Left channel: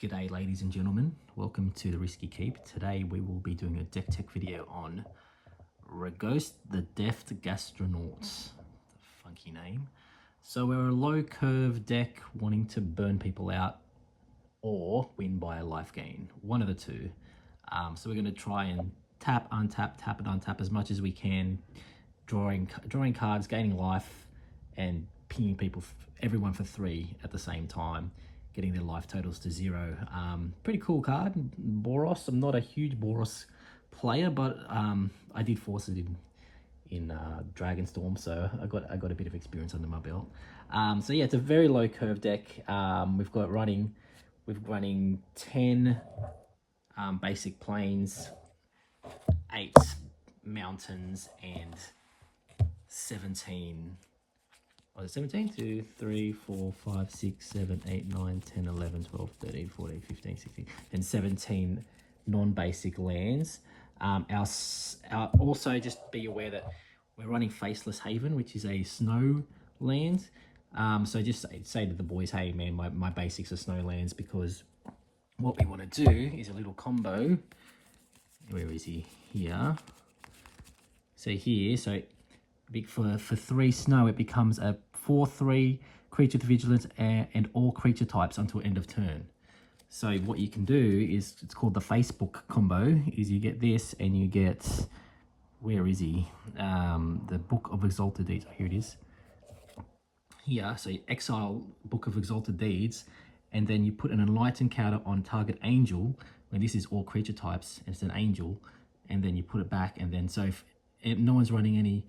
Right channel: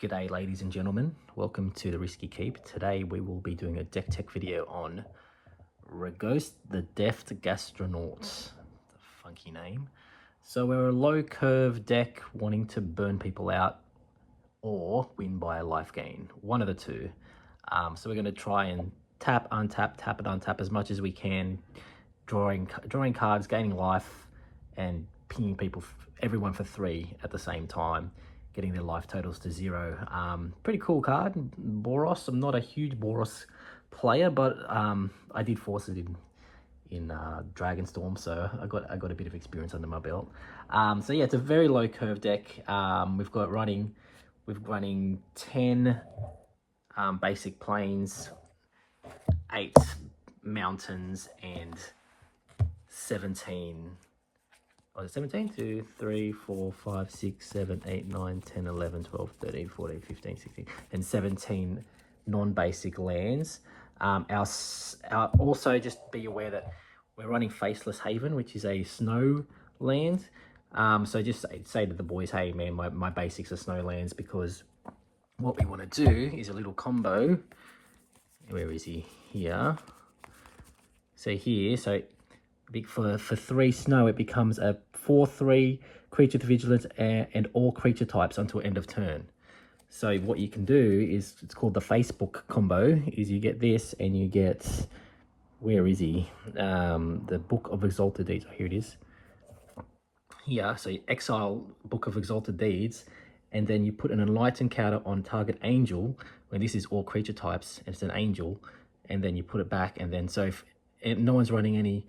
G'day ladies and gentlemen, welcome to the Risky Keep. Today we will be doing a deck tech video on Ragost, the Deft Gastronaut. Funky name. So we're a low curve deck wanting to burn people out or win by a life gain, one of the two. So we're going to try and tap, untap, tap and untap as much as we can, drawing cards, gaining life and pinging people, everyone for 3 at the same time, getting their life totals to 0. Pretty cool card, Boros. I'm not a huge Boros player, but I did force it in Dragonstorm, so I got a bit of experience under my belt. So yeah, it's a very low curve deck. We're running 10 basic plains, 8 mountains, and 17. 17, 2, 3, 4, 5, 6, 7, 8, 9, 10, 11, 12, 13, 14, 15, 16, and 17 non-basic lands. Also, just be aware that we're running Faceless Haven, which is a snow land. So just say to the boys, hey man, my basics are snow lands, because what we want to do is a little combo. Where is he? Here. So here, for 3 snow, it becomes a 4/3 creature with vigilance and all creature types until end of turn. So what you can do is, it's called the Facebook combo, is you get this and you get, where is he? The Book of Exalted Deeds. Oh, here it is. Here, so you exile Book of Exalted Deeds, and then you put an enlightened counter on target angel, when this is all creature types, and it's an angel, and then you put it back, and then so if no one's running any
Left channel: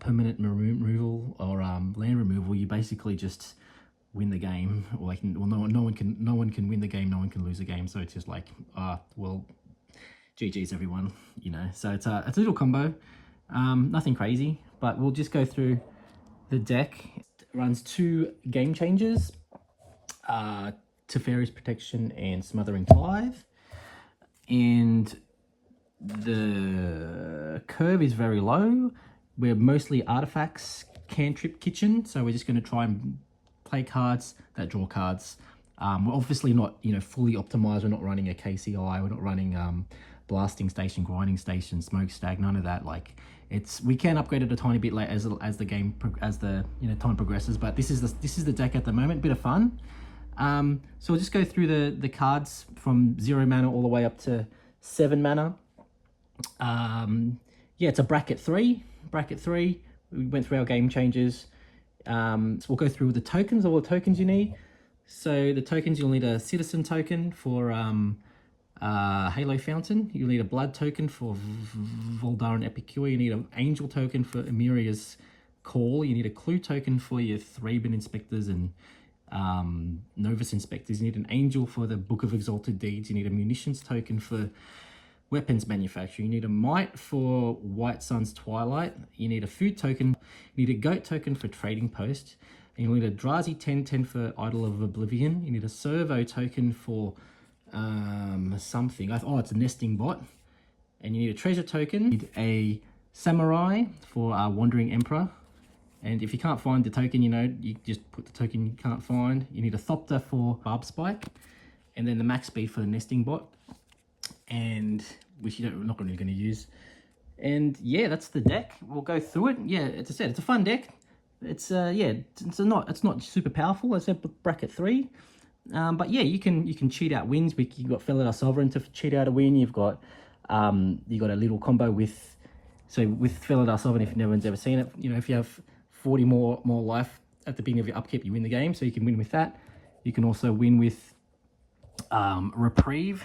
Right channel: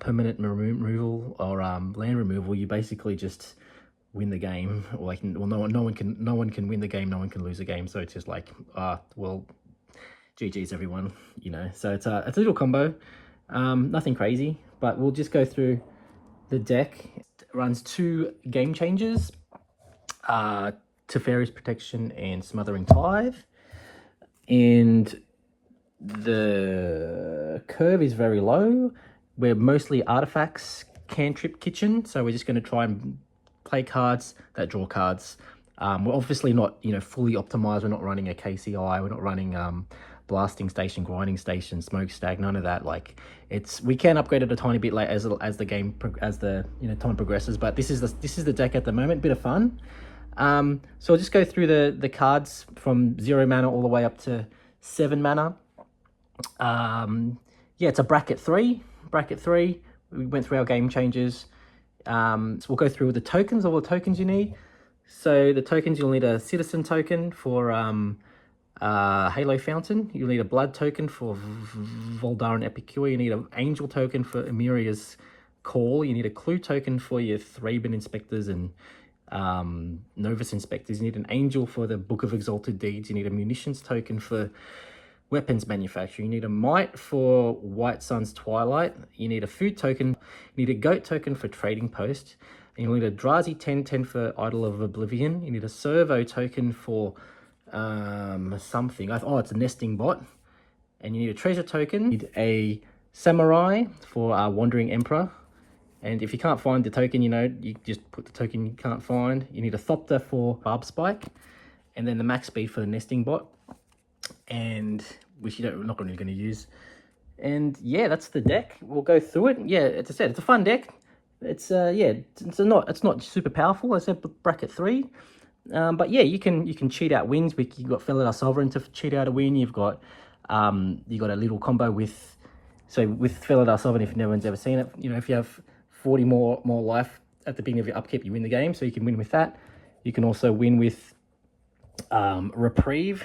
permanent removal or land removal, you basically just win the game. Or no one can win the game, no one can lose the game. So it's just like, well, GG's everyone, you know. So it's a little combo, nothing crazy, but we'll just go through the deck. It runs 2 game changers, Teferi's Protection and Smothering Tithe, and the curve is very low. We're mostly artifacts, Cantrip kitchen, so we're just going to try and play cards that draw cards. We're obviously not, fully optimized. We're not running a KCI. We're not running blasting station, grinding station, smokestack. None of that. Like, we can upgrade it a tiny bit late as the game time progresses. But this is the deck at the moment. Bit of fun. So we'll just go through the cards from 0 mana all the way up to 7 mana. Yeah, it's a bracket 3. We went through our game changes. So we'll go through the tokens, all the tokens you need. So the tokens, you'll need a citizen token for Halo Fountain. You'll need a blood token for Voldaren Epicure. You need an angel token for Emiria's Call. You need a clue token for your Thraben Inspectors and Novus Inspectors. You need an angel for the Book of Exalted Deeds. You need a munitions token for weapons manufacturing. You need a might for White Sun's Twilight. You need a food token. You need a goat token for trading post. And you need a Drazi 10/10 for Idol of Oblivion. You need a servo token for something. Oh, it's a nesting bot. And you need a treasure token. You need a samurai for Wandering Emperor. And if you can't find the token, you just put the token you can't find. You need a Thopter for Barb Spike. And then the max speed for the nesting bot, and which we're not really going to use. And yeah, that's the deck. We'll go through it. Yeah, as I said, it's a fun deck. It's it's not super powerful. I said bracket 3, but yeah, you can cheat out wins. You've got Felidar Sovereign to cheat out a win. You've got you got a little combo with Felidar Sovereign. If no one's ever seen it, if you have 40 more life at the beginning of your upkeep, you win the game. So you can win with that. You can also win with Reprieve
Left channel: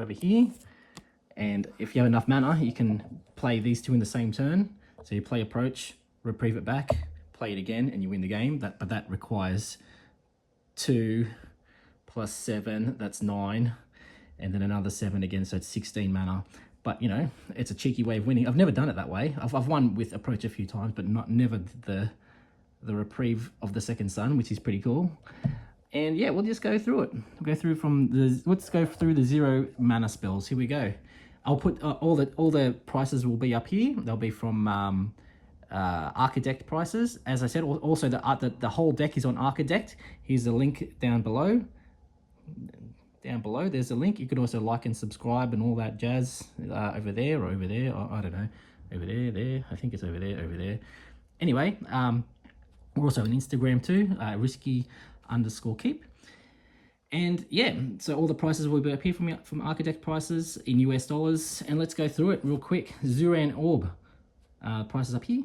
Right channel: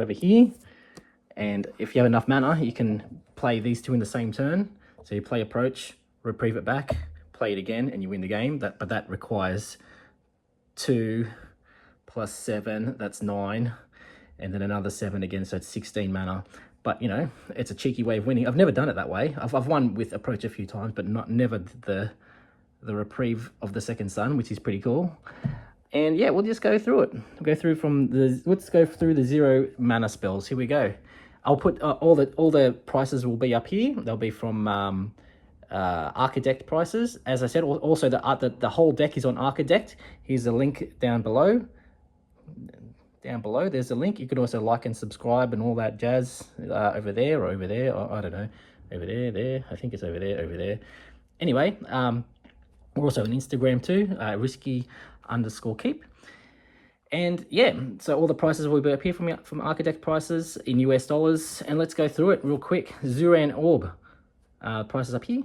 over here, and if you have enough mana, you can play these 2 in the same turn. So you play Approach, Reprieve it back, play it again, and you win the game. But that requires 2 plus 7, that's 9, and then another 7 again, so it's 16 mana. But it's a cheeky way of winning. I've never done it that way. I've won with Approach a few times, but never the Reprieve of the Second Sun, which is pretty cool. And yeah, we'll just go through it. Let's go through the 0 mana spells. Here we go. I'll put all the prices will be up here. They'll be from Archidect prices. As I said, also the whole deck is on Archidect. Here's the link down below. down below. There's a link. You could also like and subscribe and all that jazz over there or over there. Or, I don't know, over there, there. I think it's over there, over there. Anyway, we're also on Instagram too, risky_keep. And yeah, so all the prices will be up here from Architect prices in US dollars. And let's go through it real quick. Zuran Orb, prices up here.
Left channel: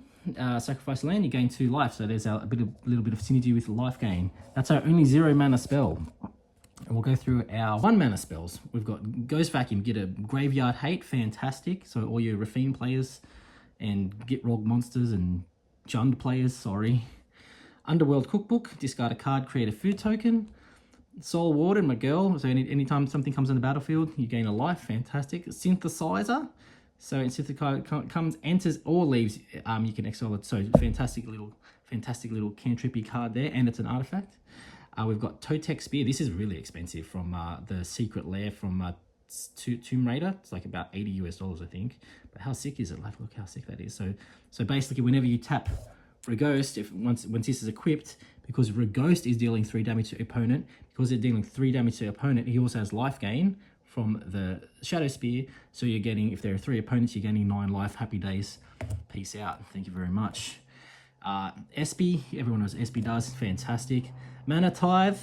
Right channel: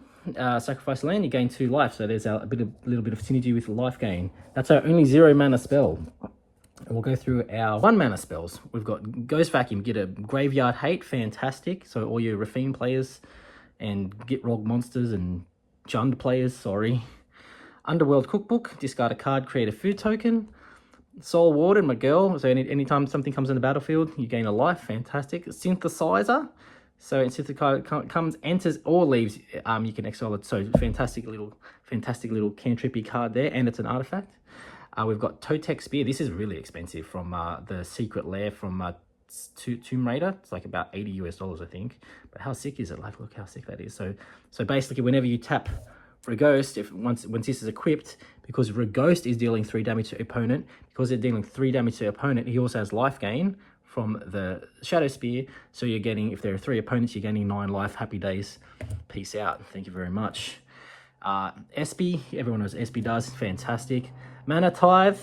Sacrifice land, you gain 2 life. So there's a little bit of synergy with life gain. That's our only 0 mana spell. And we'll go through our 1 mana spells. We've got Ghost Vacuum, get a Graveyard Hate, fantastic. So all your Rafine players and Get Rog monsters and Jund players, sorry. Underworld Cookbook, discard a card, create a food token. Soul Warden, my girl, so anytime something comes in the battlefield, you gain a life, fantastic. Synthesizer, so Synthesizer comes, enters or leaves, you can exile it, so fantastic little cantrippy card there, and it's an artifact. We've got Totec Spear, this is really expensive from the Secret Lair from Tomb Raider, it's like about $80 US, I think, but how sick is it? Like, look how sick that is. So basically, whenever you tap Ragost, once this is equipped, because Ragost is dealing 3 damage to opponent, because they're dealing 3 damage to opponent, he also has life gain from the Shadow Spear. So you're getting, if there are 3 opponents, you're getting 9 life. Happy days. Peace out. Thank you very much. Espy, everyone knows Espy does. Fantastic. Mana Tithe.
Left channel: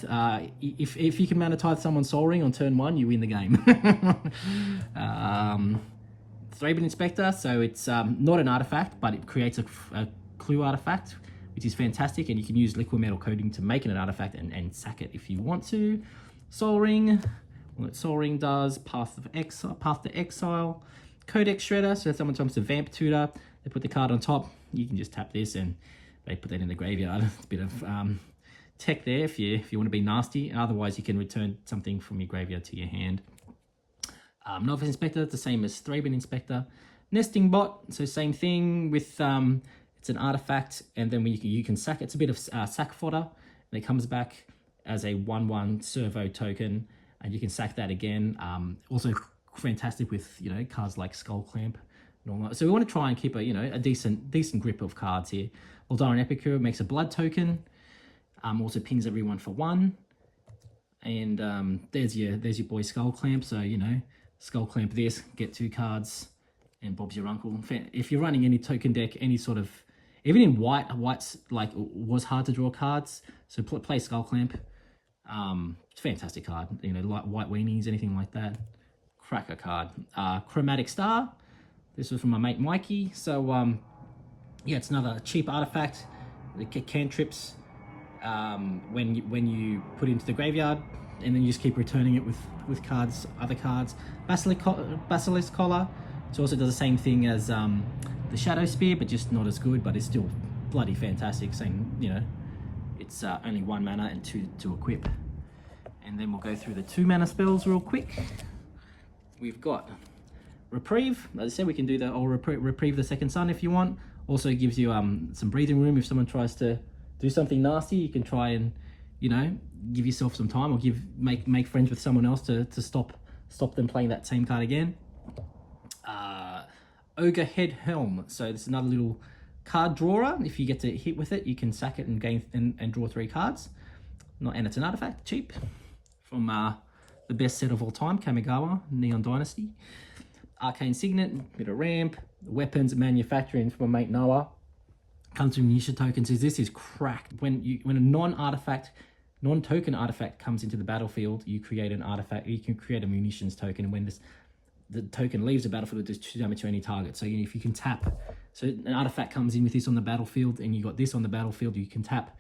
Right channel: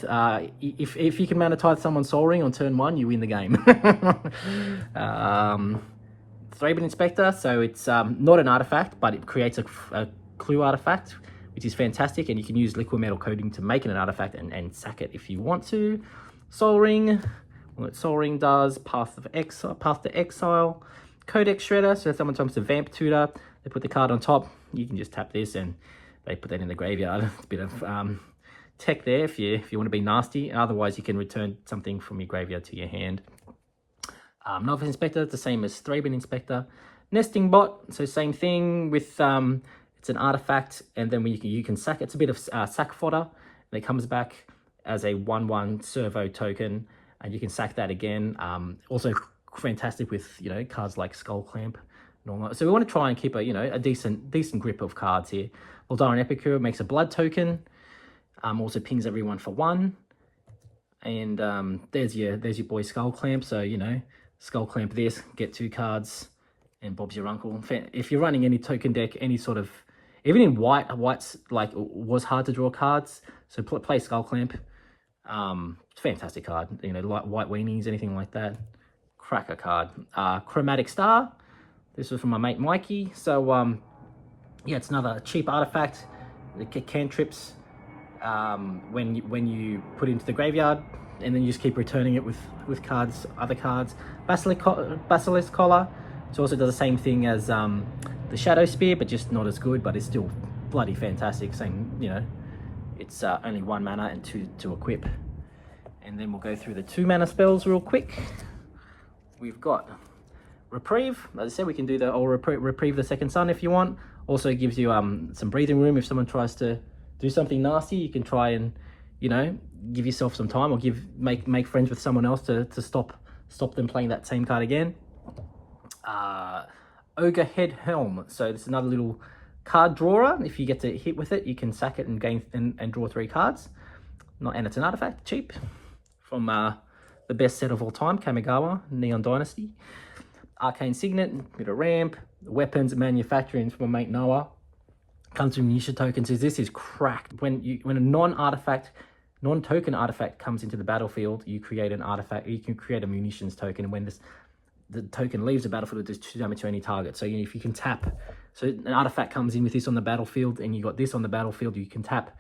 If you can Mana Tithe someone's Soul Ring on turn 1, you win the game. Thraben Inspector. So it's not an artifact, but it creates a clue artifact, which is fantastic, and you can use liquid metal coating to make it an artifact and sack it if you want to. Soul Ring, what Soul Ring does, Path to Exile, Codex Shredder, so if someone comes to Vamp Tutor, they put the card on top, you can just tap this and they put that in the graveyard. It's a bit of tech there if you want to be nasty, and otherwise you can return something from your graveyard to your hand. Novice Inspector, the same as Thraben Inspector. Nesting Bot, so same thing with it's an artifact, and then you can sack it. It's a bit of sack fodder, and it comes back as a 1/1 servo token, and you can sack that again. Also fantastic with cards like Skull Clamp and all that. So we want to try and keep a decent grip of cards here. Laldaran Epicure makes a blood token. Also pings everyone for 1, and there's your boy Skull Clamp. So Skull Clamp this, get 2 cards, and Bob's your uncle. If you're running any token deck, any sort of, even in white's like was hard to draw cards, so play Skull Clamp. Fantastic card. Like white weenies, anything like that. Cracker card. Chromatic Star. This was from my mate Mikey. So yeah, it's another cheap artifact. The cantrips. When you put it into the graveyard, and then you just keep returning it with cards, other cards. Basilisk Collar. It also does the same thing as the Shadow Spear, but just not as good, but it's still bloody fantastic. Same, it's only 1 mana and 2 to equip. And then we'll go through the 2 mana spells real quick. We've got Reprieve. As I said, we can do the Reprieve the Second Sun if you want. Also gives you some breathing room if someone tries to do something nasty. You can try and give yourself some time, or make friends with someone else to stop them playing that same card again. Ogre Head Helm. So this is another little card drawer. If you get to hit with it, you can sack it and gain and draw 3 cards. And it's an artifact, cheap, from the best set of all time, Kamigawa, Neon Dynasty. Arcane Signet, bit of ramp, weapons manufacturing from my mate Noah. Comes from Nisha tokens. This is cracked. When a non-token artifact comes into the battlefield, you create an artifact. You can create a munitions token, and when the token leaves the battlefield, it does 2 damage to any target. So if you can tap, so an artifact comes in with this on the battlefield, and you got this on the battlefield, you can tap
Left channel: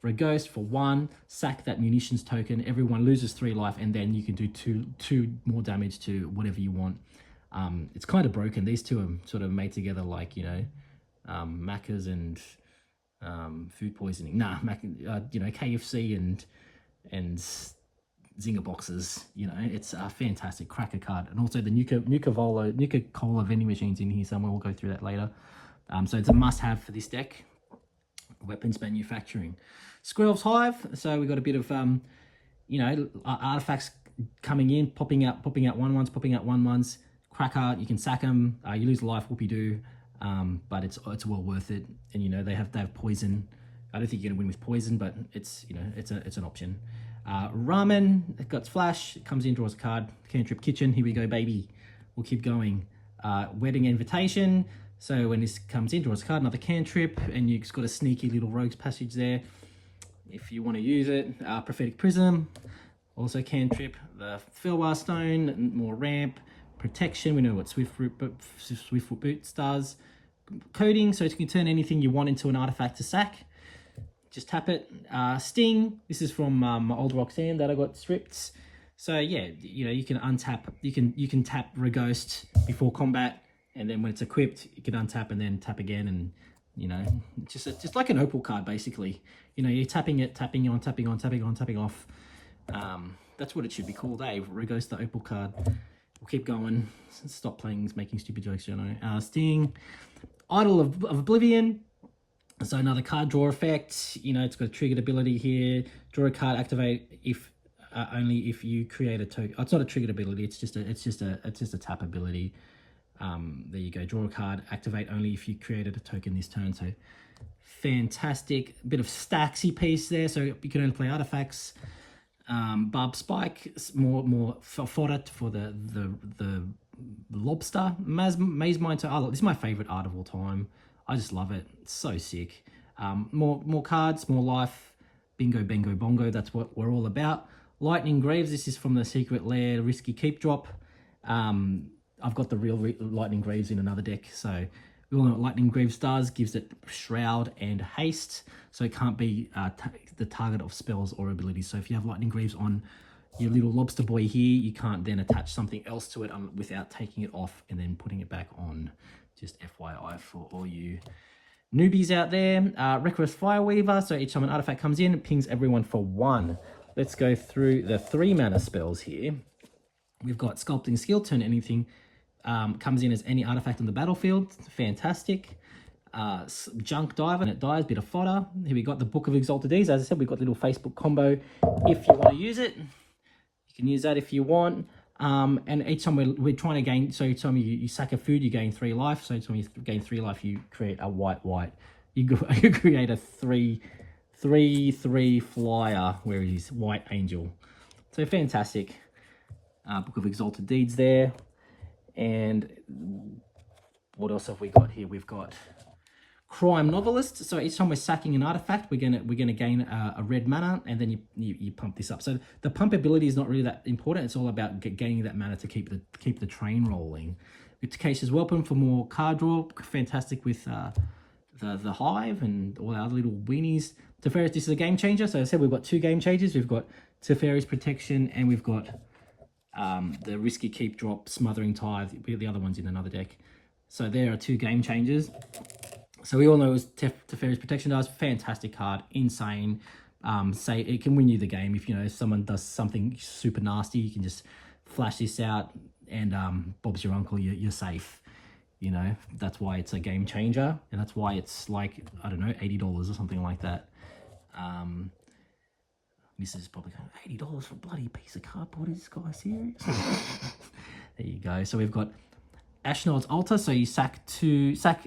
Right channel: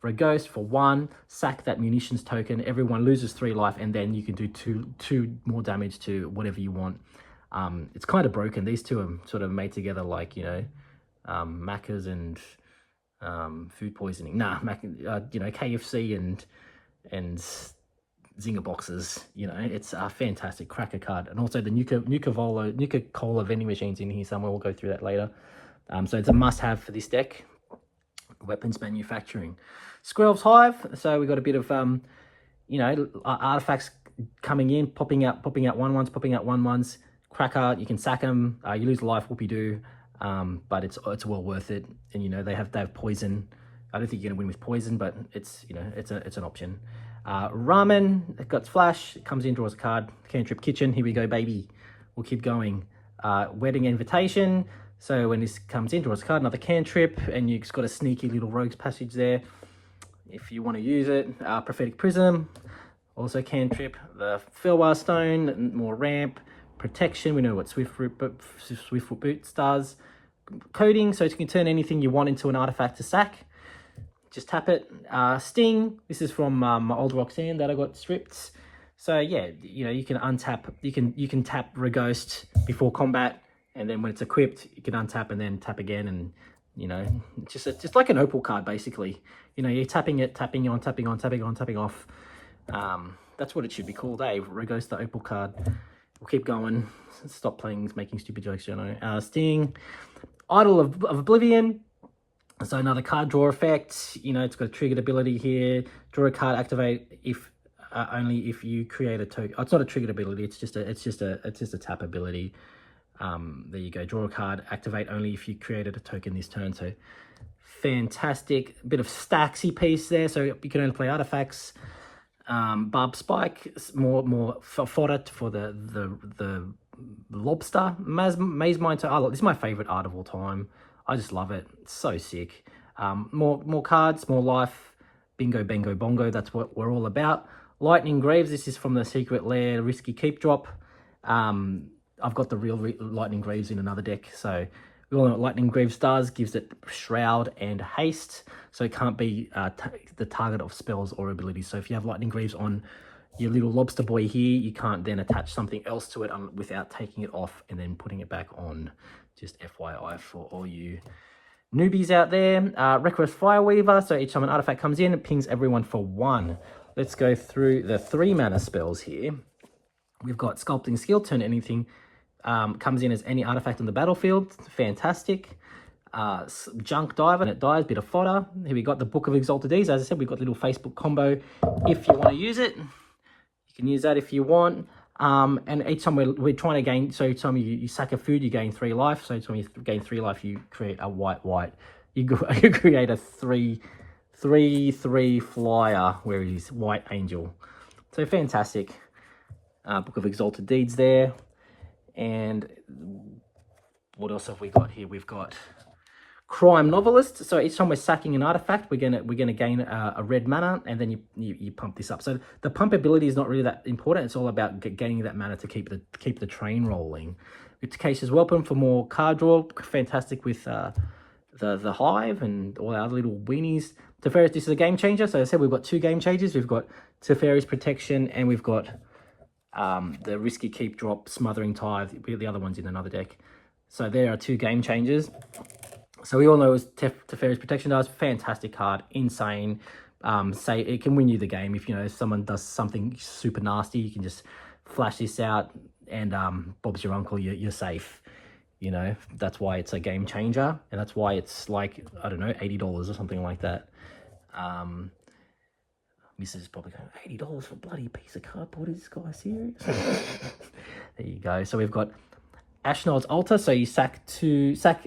for a ghost for 1, sack that munitions token. Everyone loses 3 life, and then you can do two more damage to whatever you want. It's kind of broken. These two are sort of made together like Macca's and food poisoning. KFC and Zinger boxes. It's a fantastic cracker card. And also the Nuka-Cola vending machines in here somewhere. We'll go through that later. So it's a must-have for this deck. Weapons manufacturing. Squirrel's Hive. So we got a bit of artifacts coming in, popping out 1/1s, popping out 1/1s. Cracker, you can sack them. You lose life, whoopie-doo. But it's well worth it. And they have poison. I don't think you're gonna win with poison, but it's it's an option. Ramen, it got flash, it comes in, draws a card. Cantrip kitchen, here we go, baby. We'll keep going. Wedding invitation, so when this comes in, draws a card, another cantrip, and you've got a sneaky little rogue's passage there if you want to use it. Prophetic prism, also cantrip. The Filwar stone, more ramp, protection. We know what Swiftfoot Boots does. Coding, so you can turn anything you want into an artifact to sack. Just tap it. Sting, this is from my old Roxanne that I got stripped. So yeah, you know, you can untap, you can tap Ragost before combat, and then when it's equipped, you can untap and then tap again, and you know, just like an opal card basically. You know, you're tapping it, tapping on, tapping on, tapping on, tapping off. That's what it should be called, eh? Ragost the opal card. We'll keep going. Stop playing, making stupid jokes, you know. Sting, Idol of Oblivion. So another card draw effect. You know, it's got a triggered ability here. Draw a card, activate if only if you create a token. Oh, it's not a triggered ability. It's just a tap ability. There you go. Draw a card, activate only if you created a token this turn. So fantastic. A bit of stacksy piece there. So you can only play artifacts. Barb Spike, more fodder for the lobster. Maze Mine. Oh, this is my favorite art of all time. I just love it. It's so sick. More cards, more life. Bingo, bango, bongo. That's what we're all about. Lightning Greaves. This is from the Secret Lair Risky Keep drop. I've got the real Lightning Greaves in another deck. So we all know what Lightning Greaves does. Gives it Shroud and Haste. So it can't be the target of spells or abilities. So if you have Lightning Greaves on your little lobster boy here, you can't then attach something else to it without taking it off and then putting it back on. Just FYI for all you newbies out there. Reckless Fireweaver, so each time an artifact comes in, it pings everyone for 1. Let's go through the 3 mana spells here. We've got Sculpting Skill, turn anything comes in as any artifact on the battlefield. Fantastic. Junk Diver, and it dies, bit of fodder. Here we got the Book of Exalted Deeds. As I said, we've got a little Facebook combo if you want to use it. You can use that if you want. And each time we're trying to gain, so each time you sack a food, you gain 3 life. So each time you gain 3 life, you create a white. You create a 3/3 flyer where it is White Angel. So fantastic. Book of Exalted Deeds there. And what else have we got here? We've got Crime Novelist. So each time we're sacking an artifact, we're gonna gain a red mana, and then you pump this up. So the pump ability is not really that important. It's all about gaining that mana to keep the train rolling. Viticacious Weapon for more card draw. Fantastic with the Hive and all our other little weenies. Teferi's, this is a game changer. So as I said, we've got 2 game changers. We've got Teferi's Protection, and we've got the Risky Keep drop, Smothering Tithe. The other one's in another deck. So there are 2 game changers. So we all know Teferi's Protection does. Fantastic card, insane. Say it can win you the game if if someone does something super nasty. You can just flash this out, and Bob's your uncle. You're safe. You know, that's why it's a game changer, and that's why it's like, I don't know, $80 or something like that. Mrs. probably going, $80 for a bloody piece of cardboard. Is this guy serious? There you go. So we've got Ashnod's Altar, so you sack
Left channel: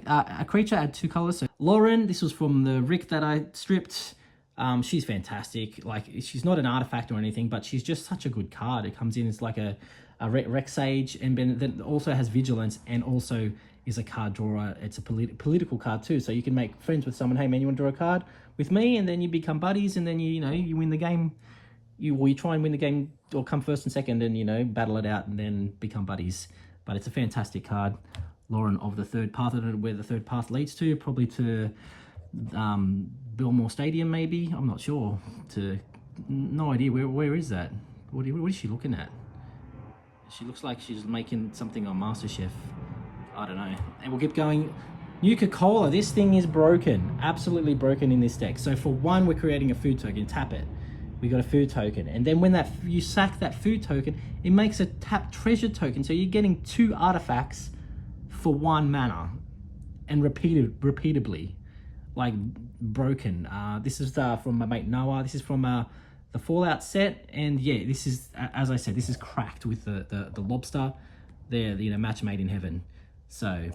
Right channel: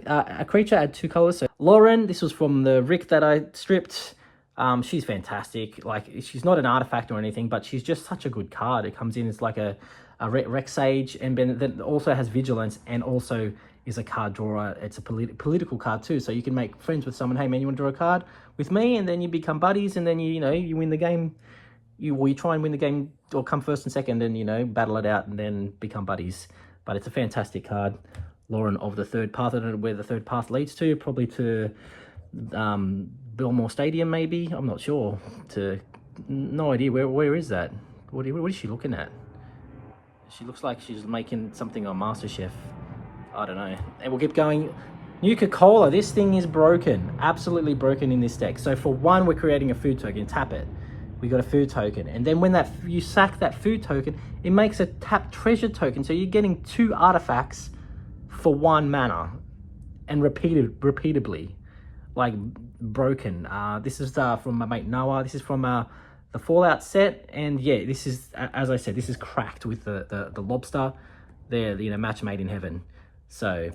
a creature, add 2 colors. So Lauren, this was from the Rick that I stripped. She's fantastic. Like, she's not an artifact or anything, but she's just such a good card. It comes in as like a Rec Sage, and then also has Vigilance, and also is a card drawer. It's a political card too, so you can make friends with someone. Hey man, you want to draw a card with me? And then you become buddies, and then you win the game. You try and win the game, or come first and second, and battle it out, and then become buddies. But it's a fantastic card. Lauren of the Third Path. I don't know where the Third Path leads to. Probably to Belmore Stadium, maybe. I'm not sure. No idea. Where is that? What is she looking at? She looks like she's making something on MasterChef. I don't know. And we'll keep going. Nuka-Cola. This thing is broken. Absolutely broken in this deck. So for 1, we're creating a food token. Tap it. We got a food token, and then when you sack that food token, it makes a tap treasure token. So you're getting 2 artifacts for 1 mana, and repeatably, like broken. This is from my mate Noah. This is from the Fallout set, and yeah, this is, as I said, this is cracked with the lobster. They're match made in heaven. So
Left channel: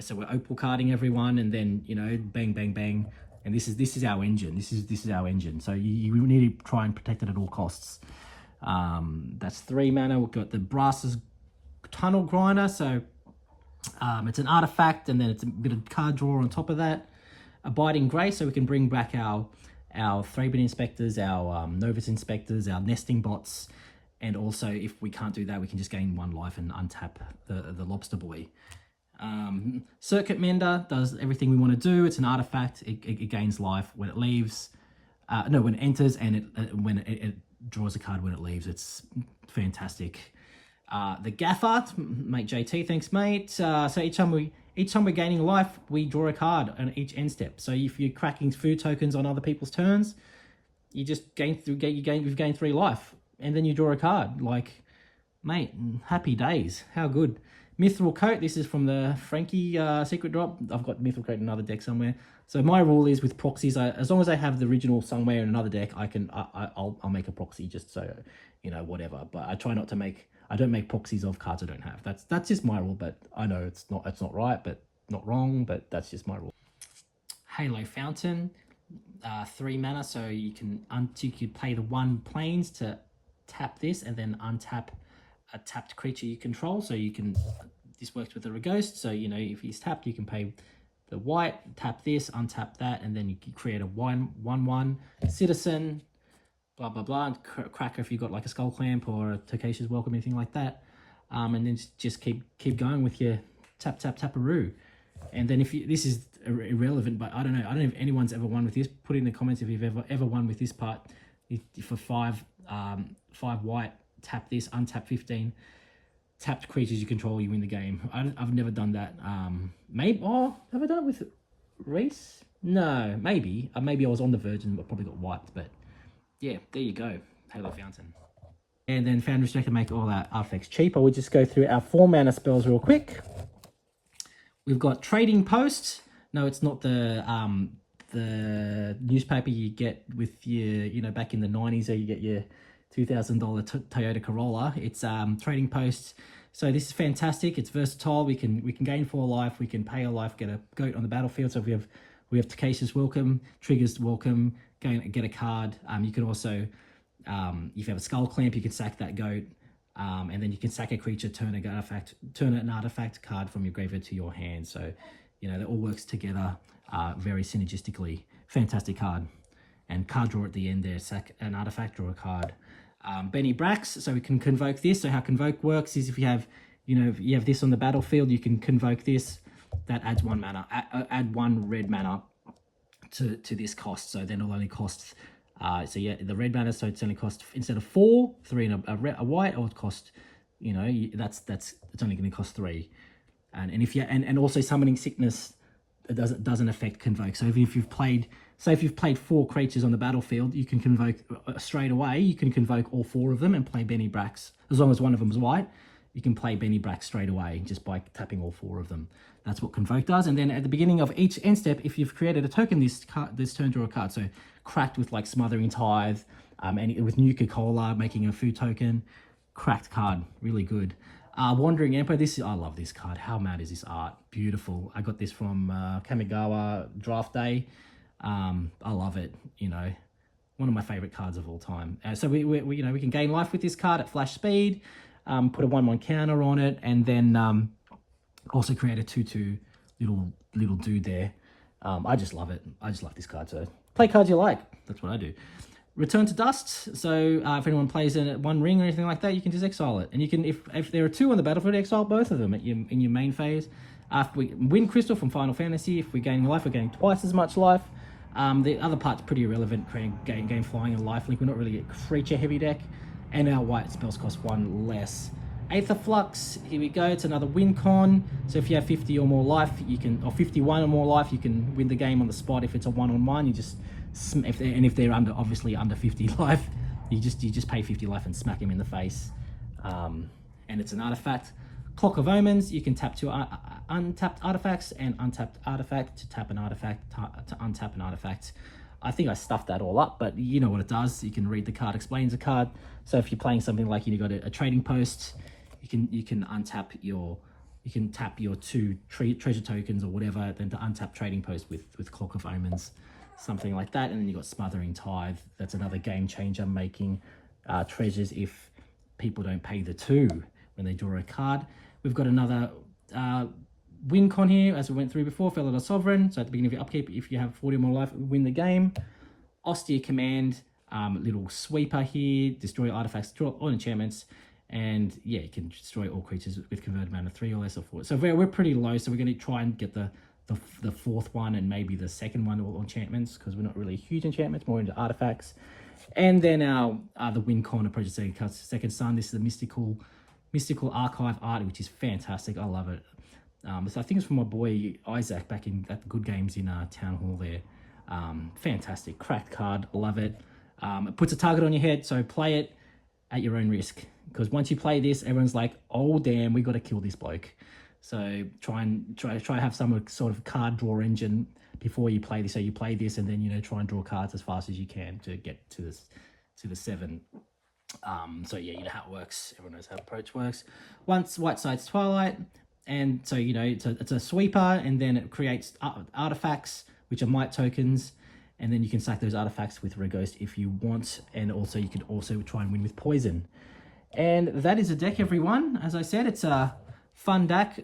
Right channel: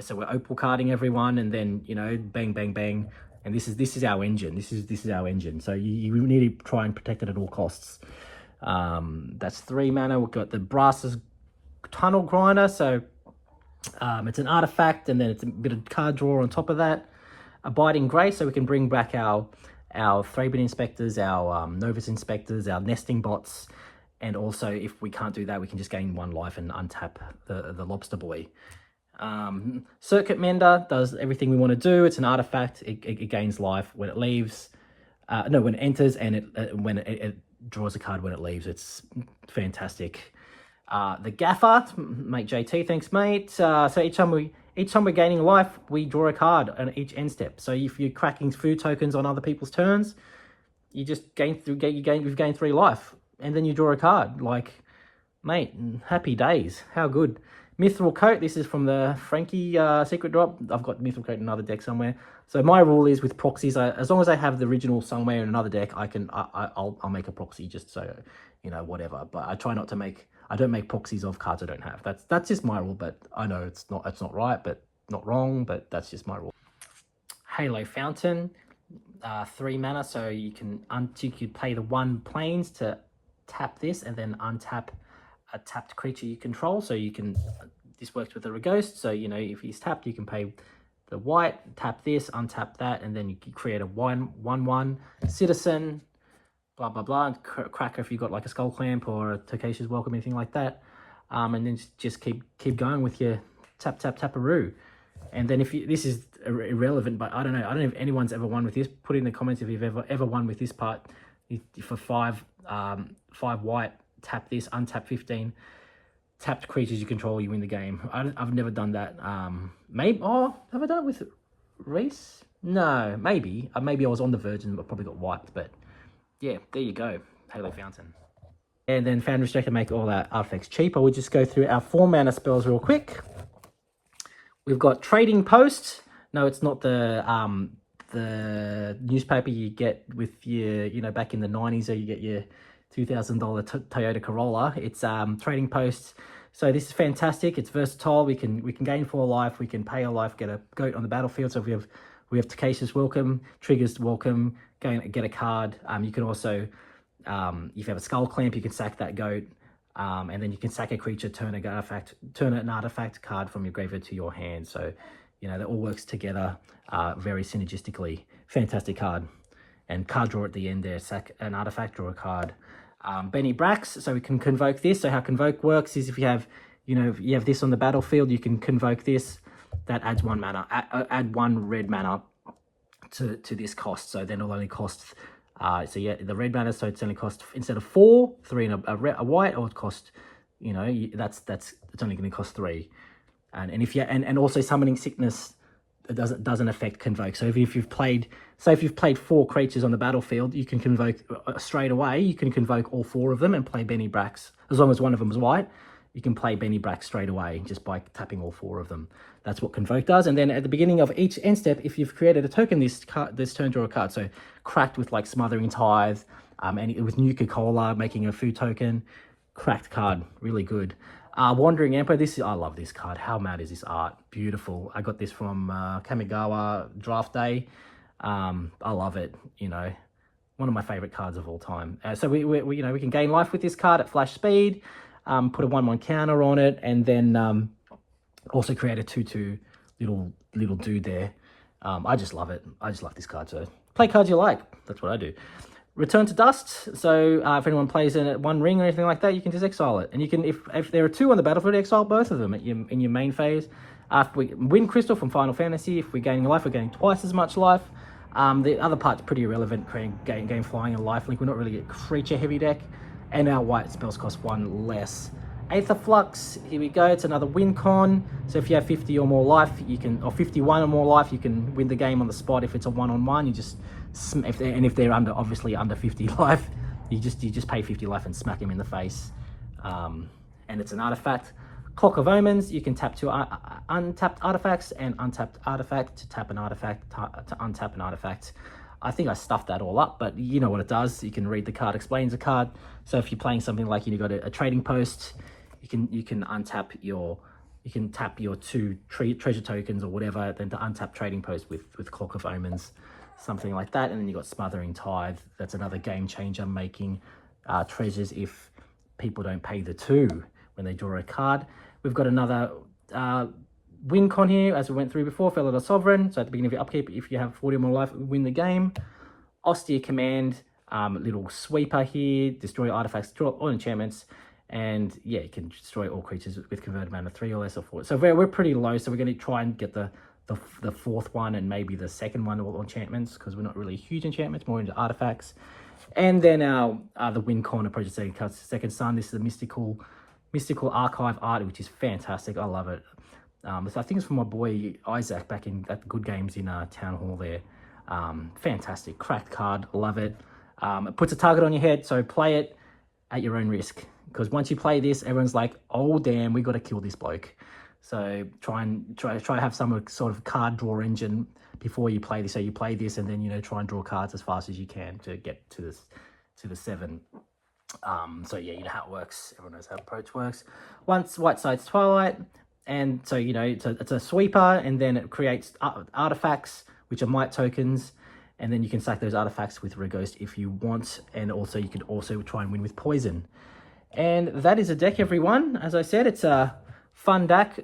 so we're opal carding everyone, and then bang bang bang. And this is our engine. This is our engine. So you need to try and protect it at all costs. That's 3 mana. We've got the Brass's Tunnel Grinder. So it's an artifact, and then it's a bit of card draw on top of that. Abiding Grace, so we can bring back our Thraben Inspectors, our Novus Inspectors, our Nesting Bots, and also if we can't do that, we can just gain 1 life and untap the Lobster Boy. Circuit Mender does everything we want to do. It's an artifact. It gains life when it leaves. No, when it enters, and when it draws a card when it leaves. It's fantastic. The Gaffer, mate JT, thanks mate. So each time we're gaining life, we draw a card on each end step. So if you're cracking food tokens on other people's turns, you just you've gained 3 life, and then you draw a card. Like, mate, happy days. How good. Mithril Coat, this is from the Frankie secret drop. I've got Mithril Coat in another deck somewhere. So my rule is with proxies, as long as I have the original somewhere in another deck, I'll make a proxy just so, you know, whatever. But I try not to I don't make proxies of cards I don't have. That's just my rule, but I know it's not right, but not wrong, but that's just my rule. Halo Fountain, 3 mana, so you could play the 1 planes to tap this and then untap a tapped creature you control. So you can, this works with the Ragost, so you know if he's tapped you can pay the white, tap this, untap that, and then you can create a 1/1 citizen, blah blah blah, and cracker if you've got like a Skull Clamp or a Tokashi's Welcome, anything like that, and then just keep going with your taparoo. And then if you, this is irrelevant, but I don't know if anyone's ever won with this. Put in the comments if you've ever won with this part. For 5 white, tap this, untap 15 tapped creatures you control, you win the game. I've never done that. Maybe, have I done it with Reese? No, maybe I was on the verge and I probably got wiped, but yeah, there you go. Halo Fountain. And then Foundry Stack to make all our artifacts cheaper. We'll just go through our 4 mana spells real quick. We've got Trading Post. No, it's not the newspaper you get with your, you know, back in the 90s, or you get your $2,000 Toyota Corolla. It's Trading Post. So this is fantastic. It's versatile. We can gain 4 life. We can pay a life, get a goat on the battlefield. So if we have Tokashi's Welcome, Triggers Welcome, get a card. You can also, if you have a Skull Clamp, you can sack that goat, and then you can sack a creature, turn an artifact card from your graveyard to your hand. So, you know, that all works together very synergistically. Fantastic card. And card draw at the end there, sack an artifact, draw a card. Benny Brax, so we can convoke this. So how convoke works is if you have, you know, if you have this on the battlefield, you can convoke this. That adds 1 mana, add 1 red mana to this cost. So then it'll only cost, so yeah, the red mana, so it's only cost, instead of 4, 3 and a white, or it cost, you know, it's only going to cost 3. And if you, and also Summoning Sickness, it doesn't affect convoke. So if you've played, say if you've played 4 creatures on the battlefield, you can convoke straight away. You can convoke all 4 of them and play Benny Brax. As long as one of them is white, you can play Benny Brax straight away just by tapping all 4 of them. That's what convoke does. And then at the beginning of each end step, if you've created a token this turn, draw a card. So cracked with like Smothering Tithe, and it was Nuka-Cola making a food token. Cracked card, really good. Wandering Emperor, I love this card. How mad is this art? Beautiful. I got this from Kamigawa Draft Day. I love it, you know. One of my favorite cards of all time. So we you know, we can gain life with this card at flash speed, put a 1/1 counter on it, and then also create a 2/2 little dude there. I just love it. I just love this card. So play cards you like. That's what I do. Return to Dust. So if anyone plays in 1 ring or anything like that, you can just exile it. And you can, if there are 2 on the battlefield, exile both of them in your main phase. If we win Crystal from Final Fantasy, if we're gaining life, we're getting twice as much life. The other part's pretty irrelevant, gain flying and lifelink. We're not really a creature heavy deck. And our white spells cost 1 less. Aether Flux, here we go. It's another win con. So if you have 50 or more life, you can, or 51 or more life, you can win the game on the spot. If it's a 1-on-1, you just, if they're obviously under 50 life, you just pay 50 life and smack them in the face. And it's an artifact. Clock of Omens, you can tap 2 untapped artifacts and untapped artifact to tap an artifact, to untap an artifact. I think I stuffed that all up, but you know what it does. You can read the card, explains the card. So if you're playing something like you've got a trading post, you can untap your, you can tap your 2 treasure tokens or whatever, then to untap trading post with Clock of Omens. something like that. And then you got Smothering Tithe. That's another game changer, making treasures if people don't pay the 2 when they draw a card. We've got another win con here, as we went through before, Fellow the Sovereign. So at the beginning of your upkeep, if you have 40 or more life, win the game. Austere Command, little sweeper here, destroy artifacts, destroy all enchantments, and yeah, you can destroy all creatures with converted mana 3 or less or 4. So we're pretty low, so we're going to try and get the 4th one and maybe the 2nd one of enchantments, because we're not really huge enchantments, more into artifacts. And then our the win con approach Second Sun. This is the mystical archive art, which is fantastic. I love it. So I think it's from my boy Isaac back in at the Good Games in Town Hall there. Fantastic, cracked card, love it. It puts a target on your head, so play it at your own risk, because once you play this, everyone's like, oh damn, we got to kill this bloke. So try to have some sort of card draw engine before you play this. So you play this, and then, you know, try and draw cards as fast as you can to get to the 7. So yeah, you know how it works. Everyone knows how approach works. Once White Side's Twilight, and so, you know, it's a sweeper, and then it creates artifacts, which are might tokens, and then you can sack those artifacts with Ragost if you want, and also you can also try and win with poison. And that is a deck, everyone. As I said, it's a fun deck.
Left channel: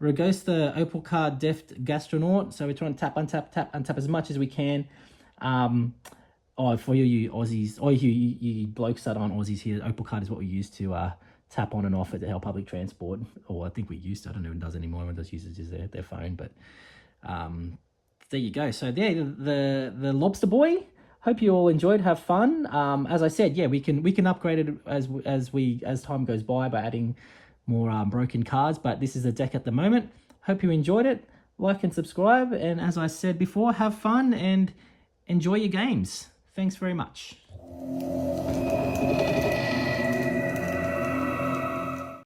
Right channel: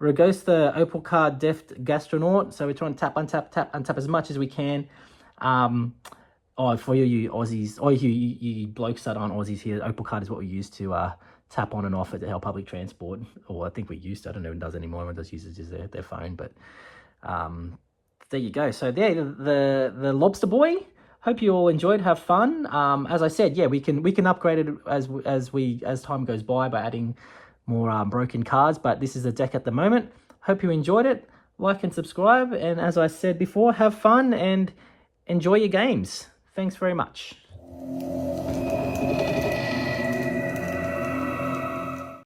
Ragost the Opal card, Deft, Gastronaut. So we're trying to tap, untap as much as we can. Oh, for you Aussies, or you blokes that aren't Aussies here, Opal card is what we use to tap on and off at our public transport. Or I think we used to. I don't know if it does anymore. Everyone does use their phone, but there you go. So there, the Lobster Boy. Hope you all enjoyed. Have fun. As I said, yeah, we can upgrade it as time goes by adding more broken cards. But this is the deck at the moment. Hope you enjoyed it. Like and subscribe. And as I said before, have fun and enjoy your games. Thanks very much.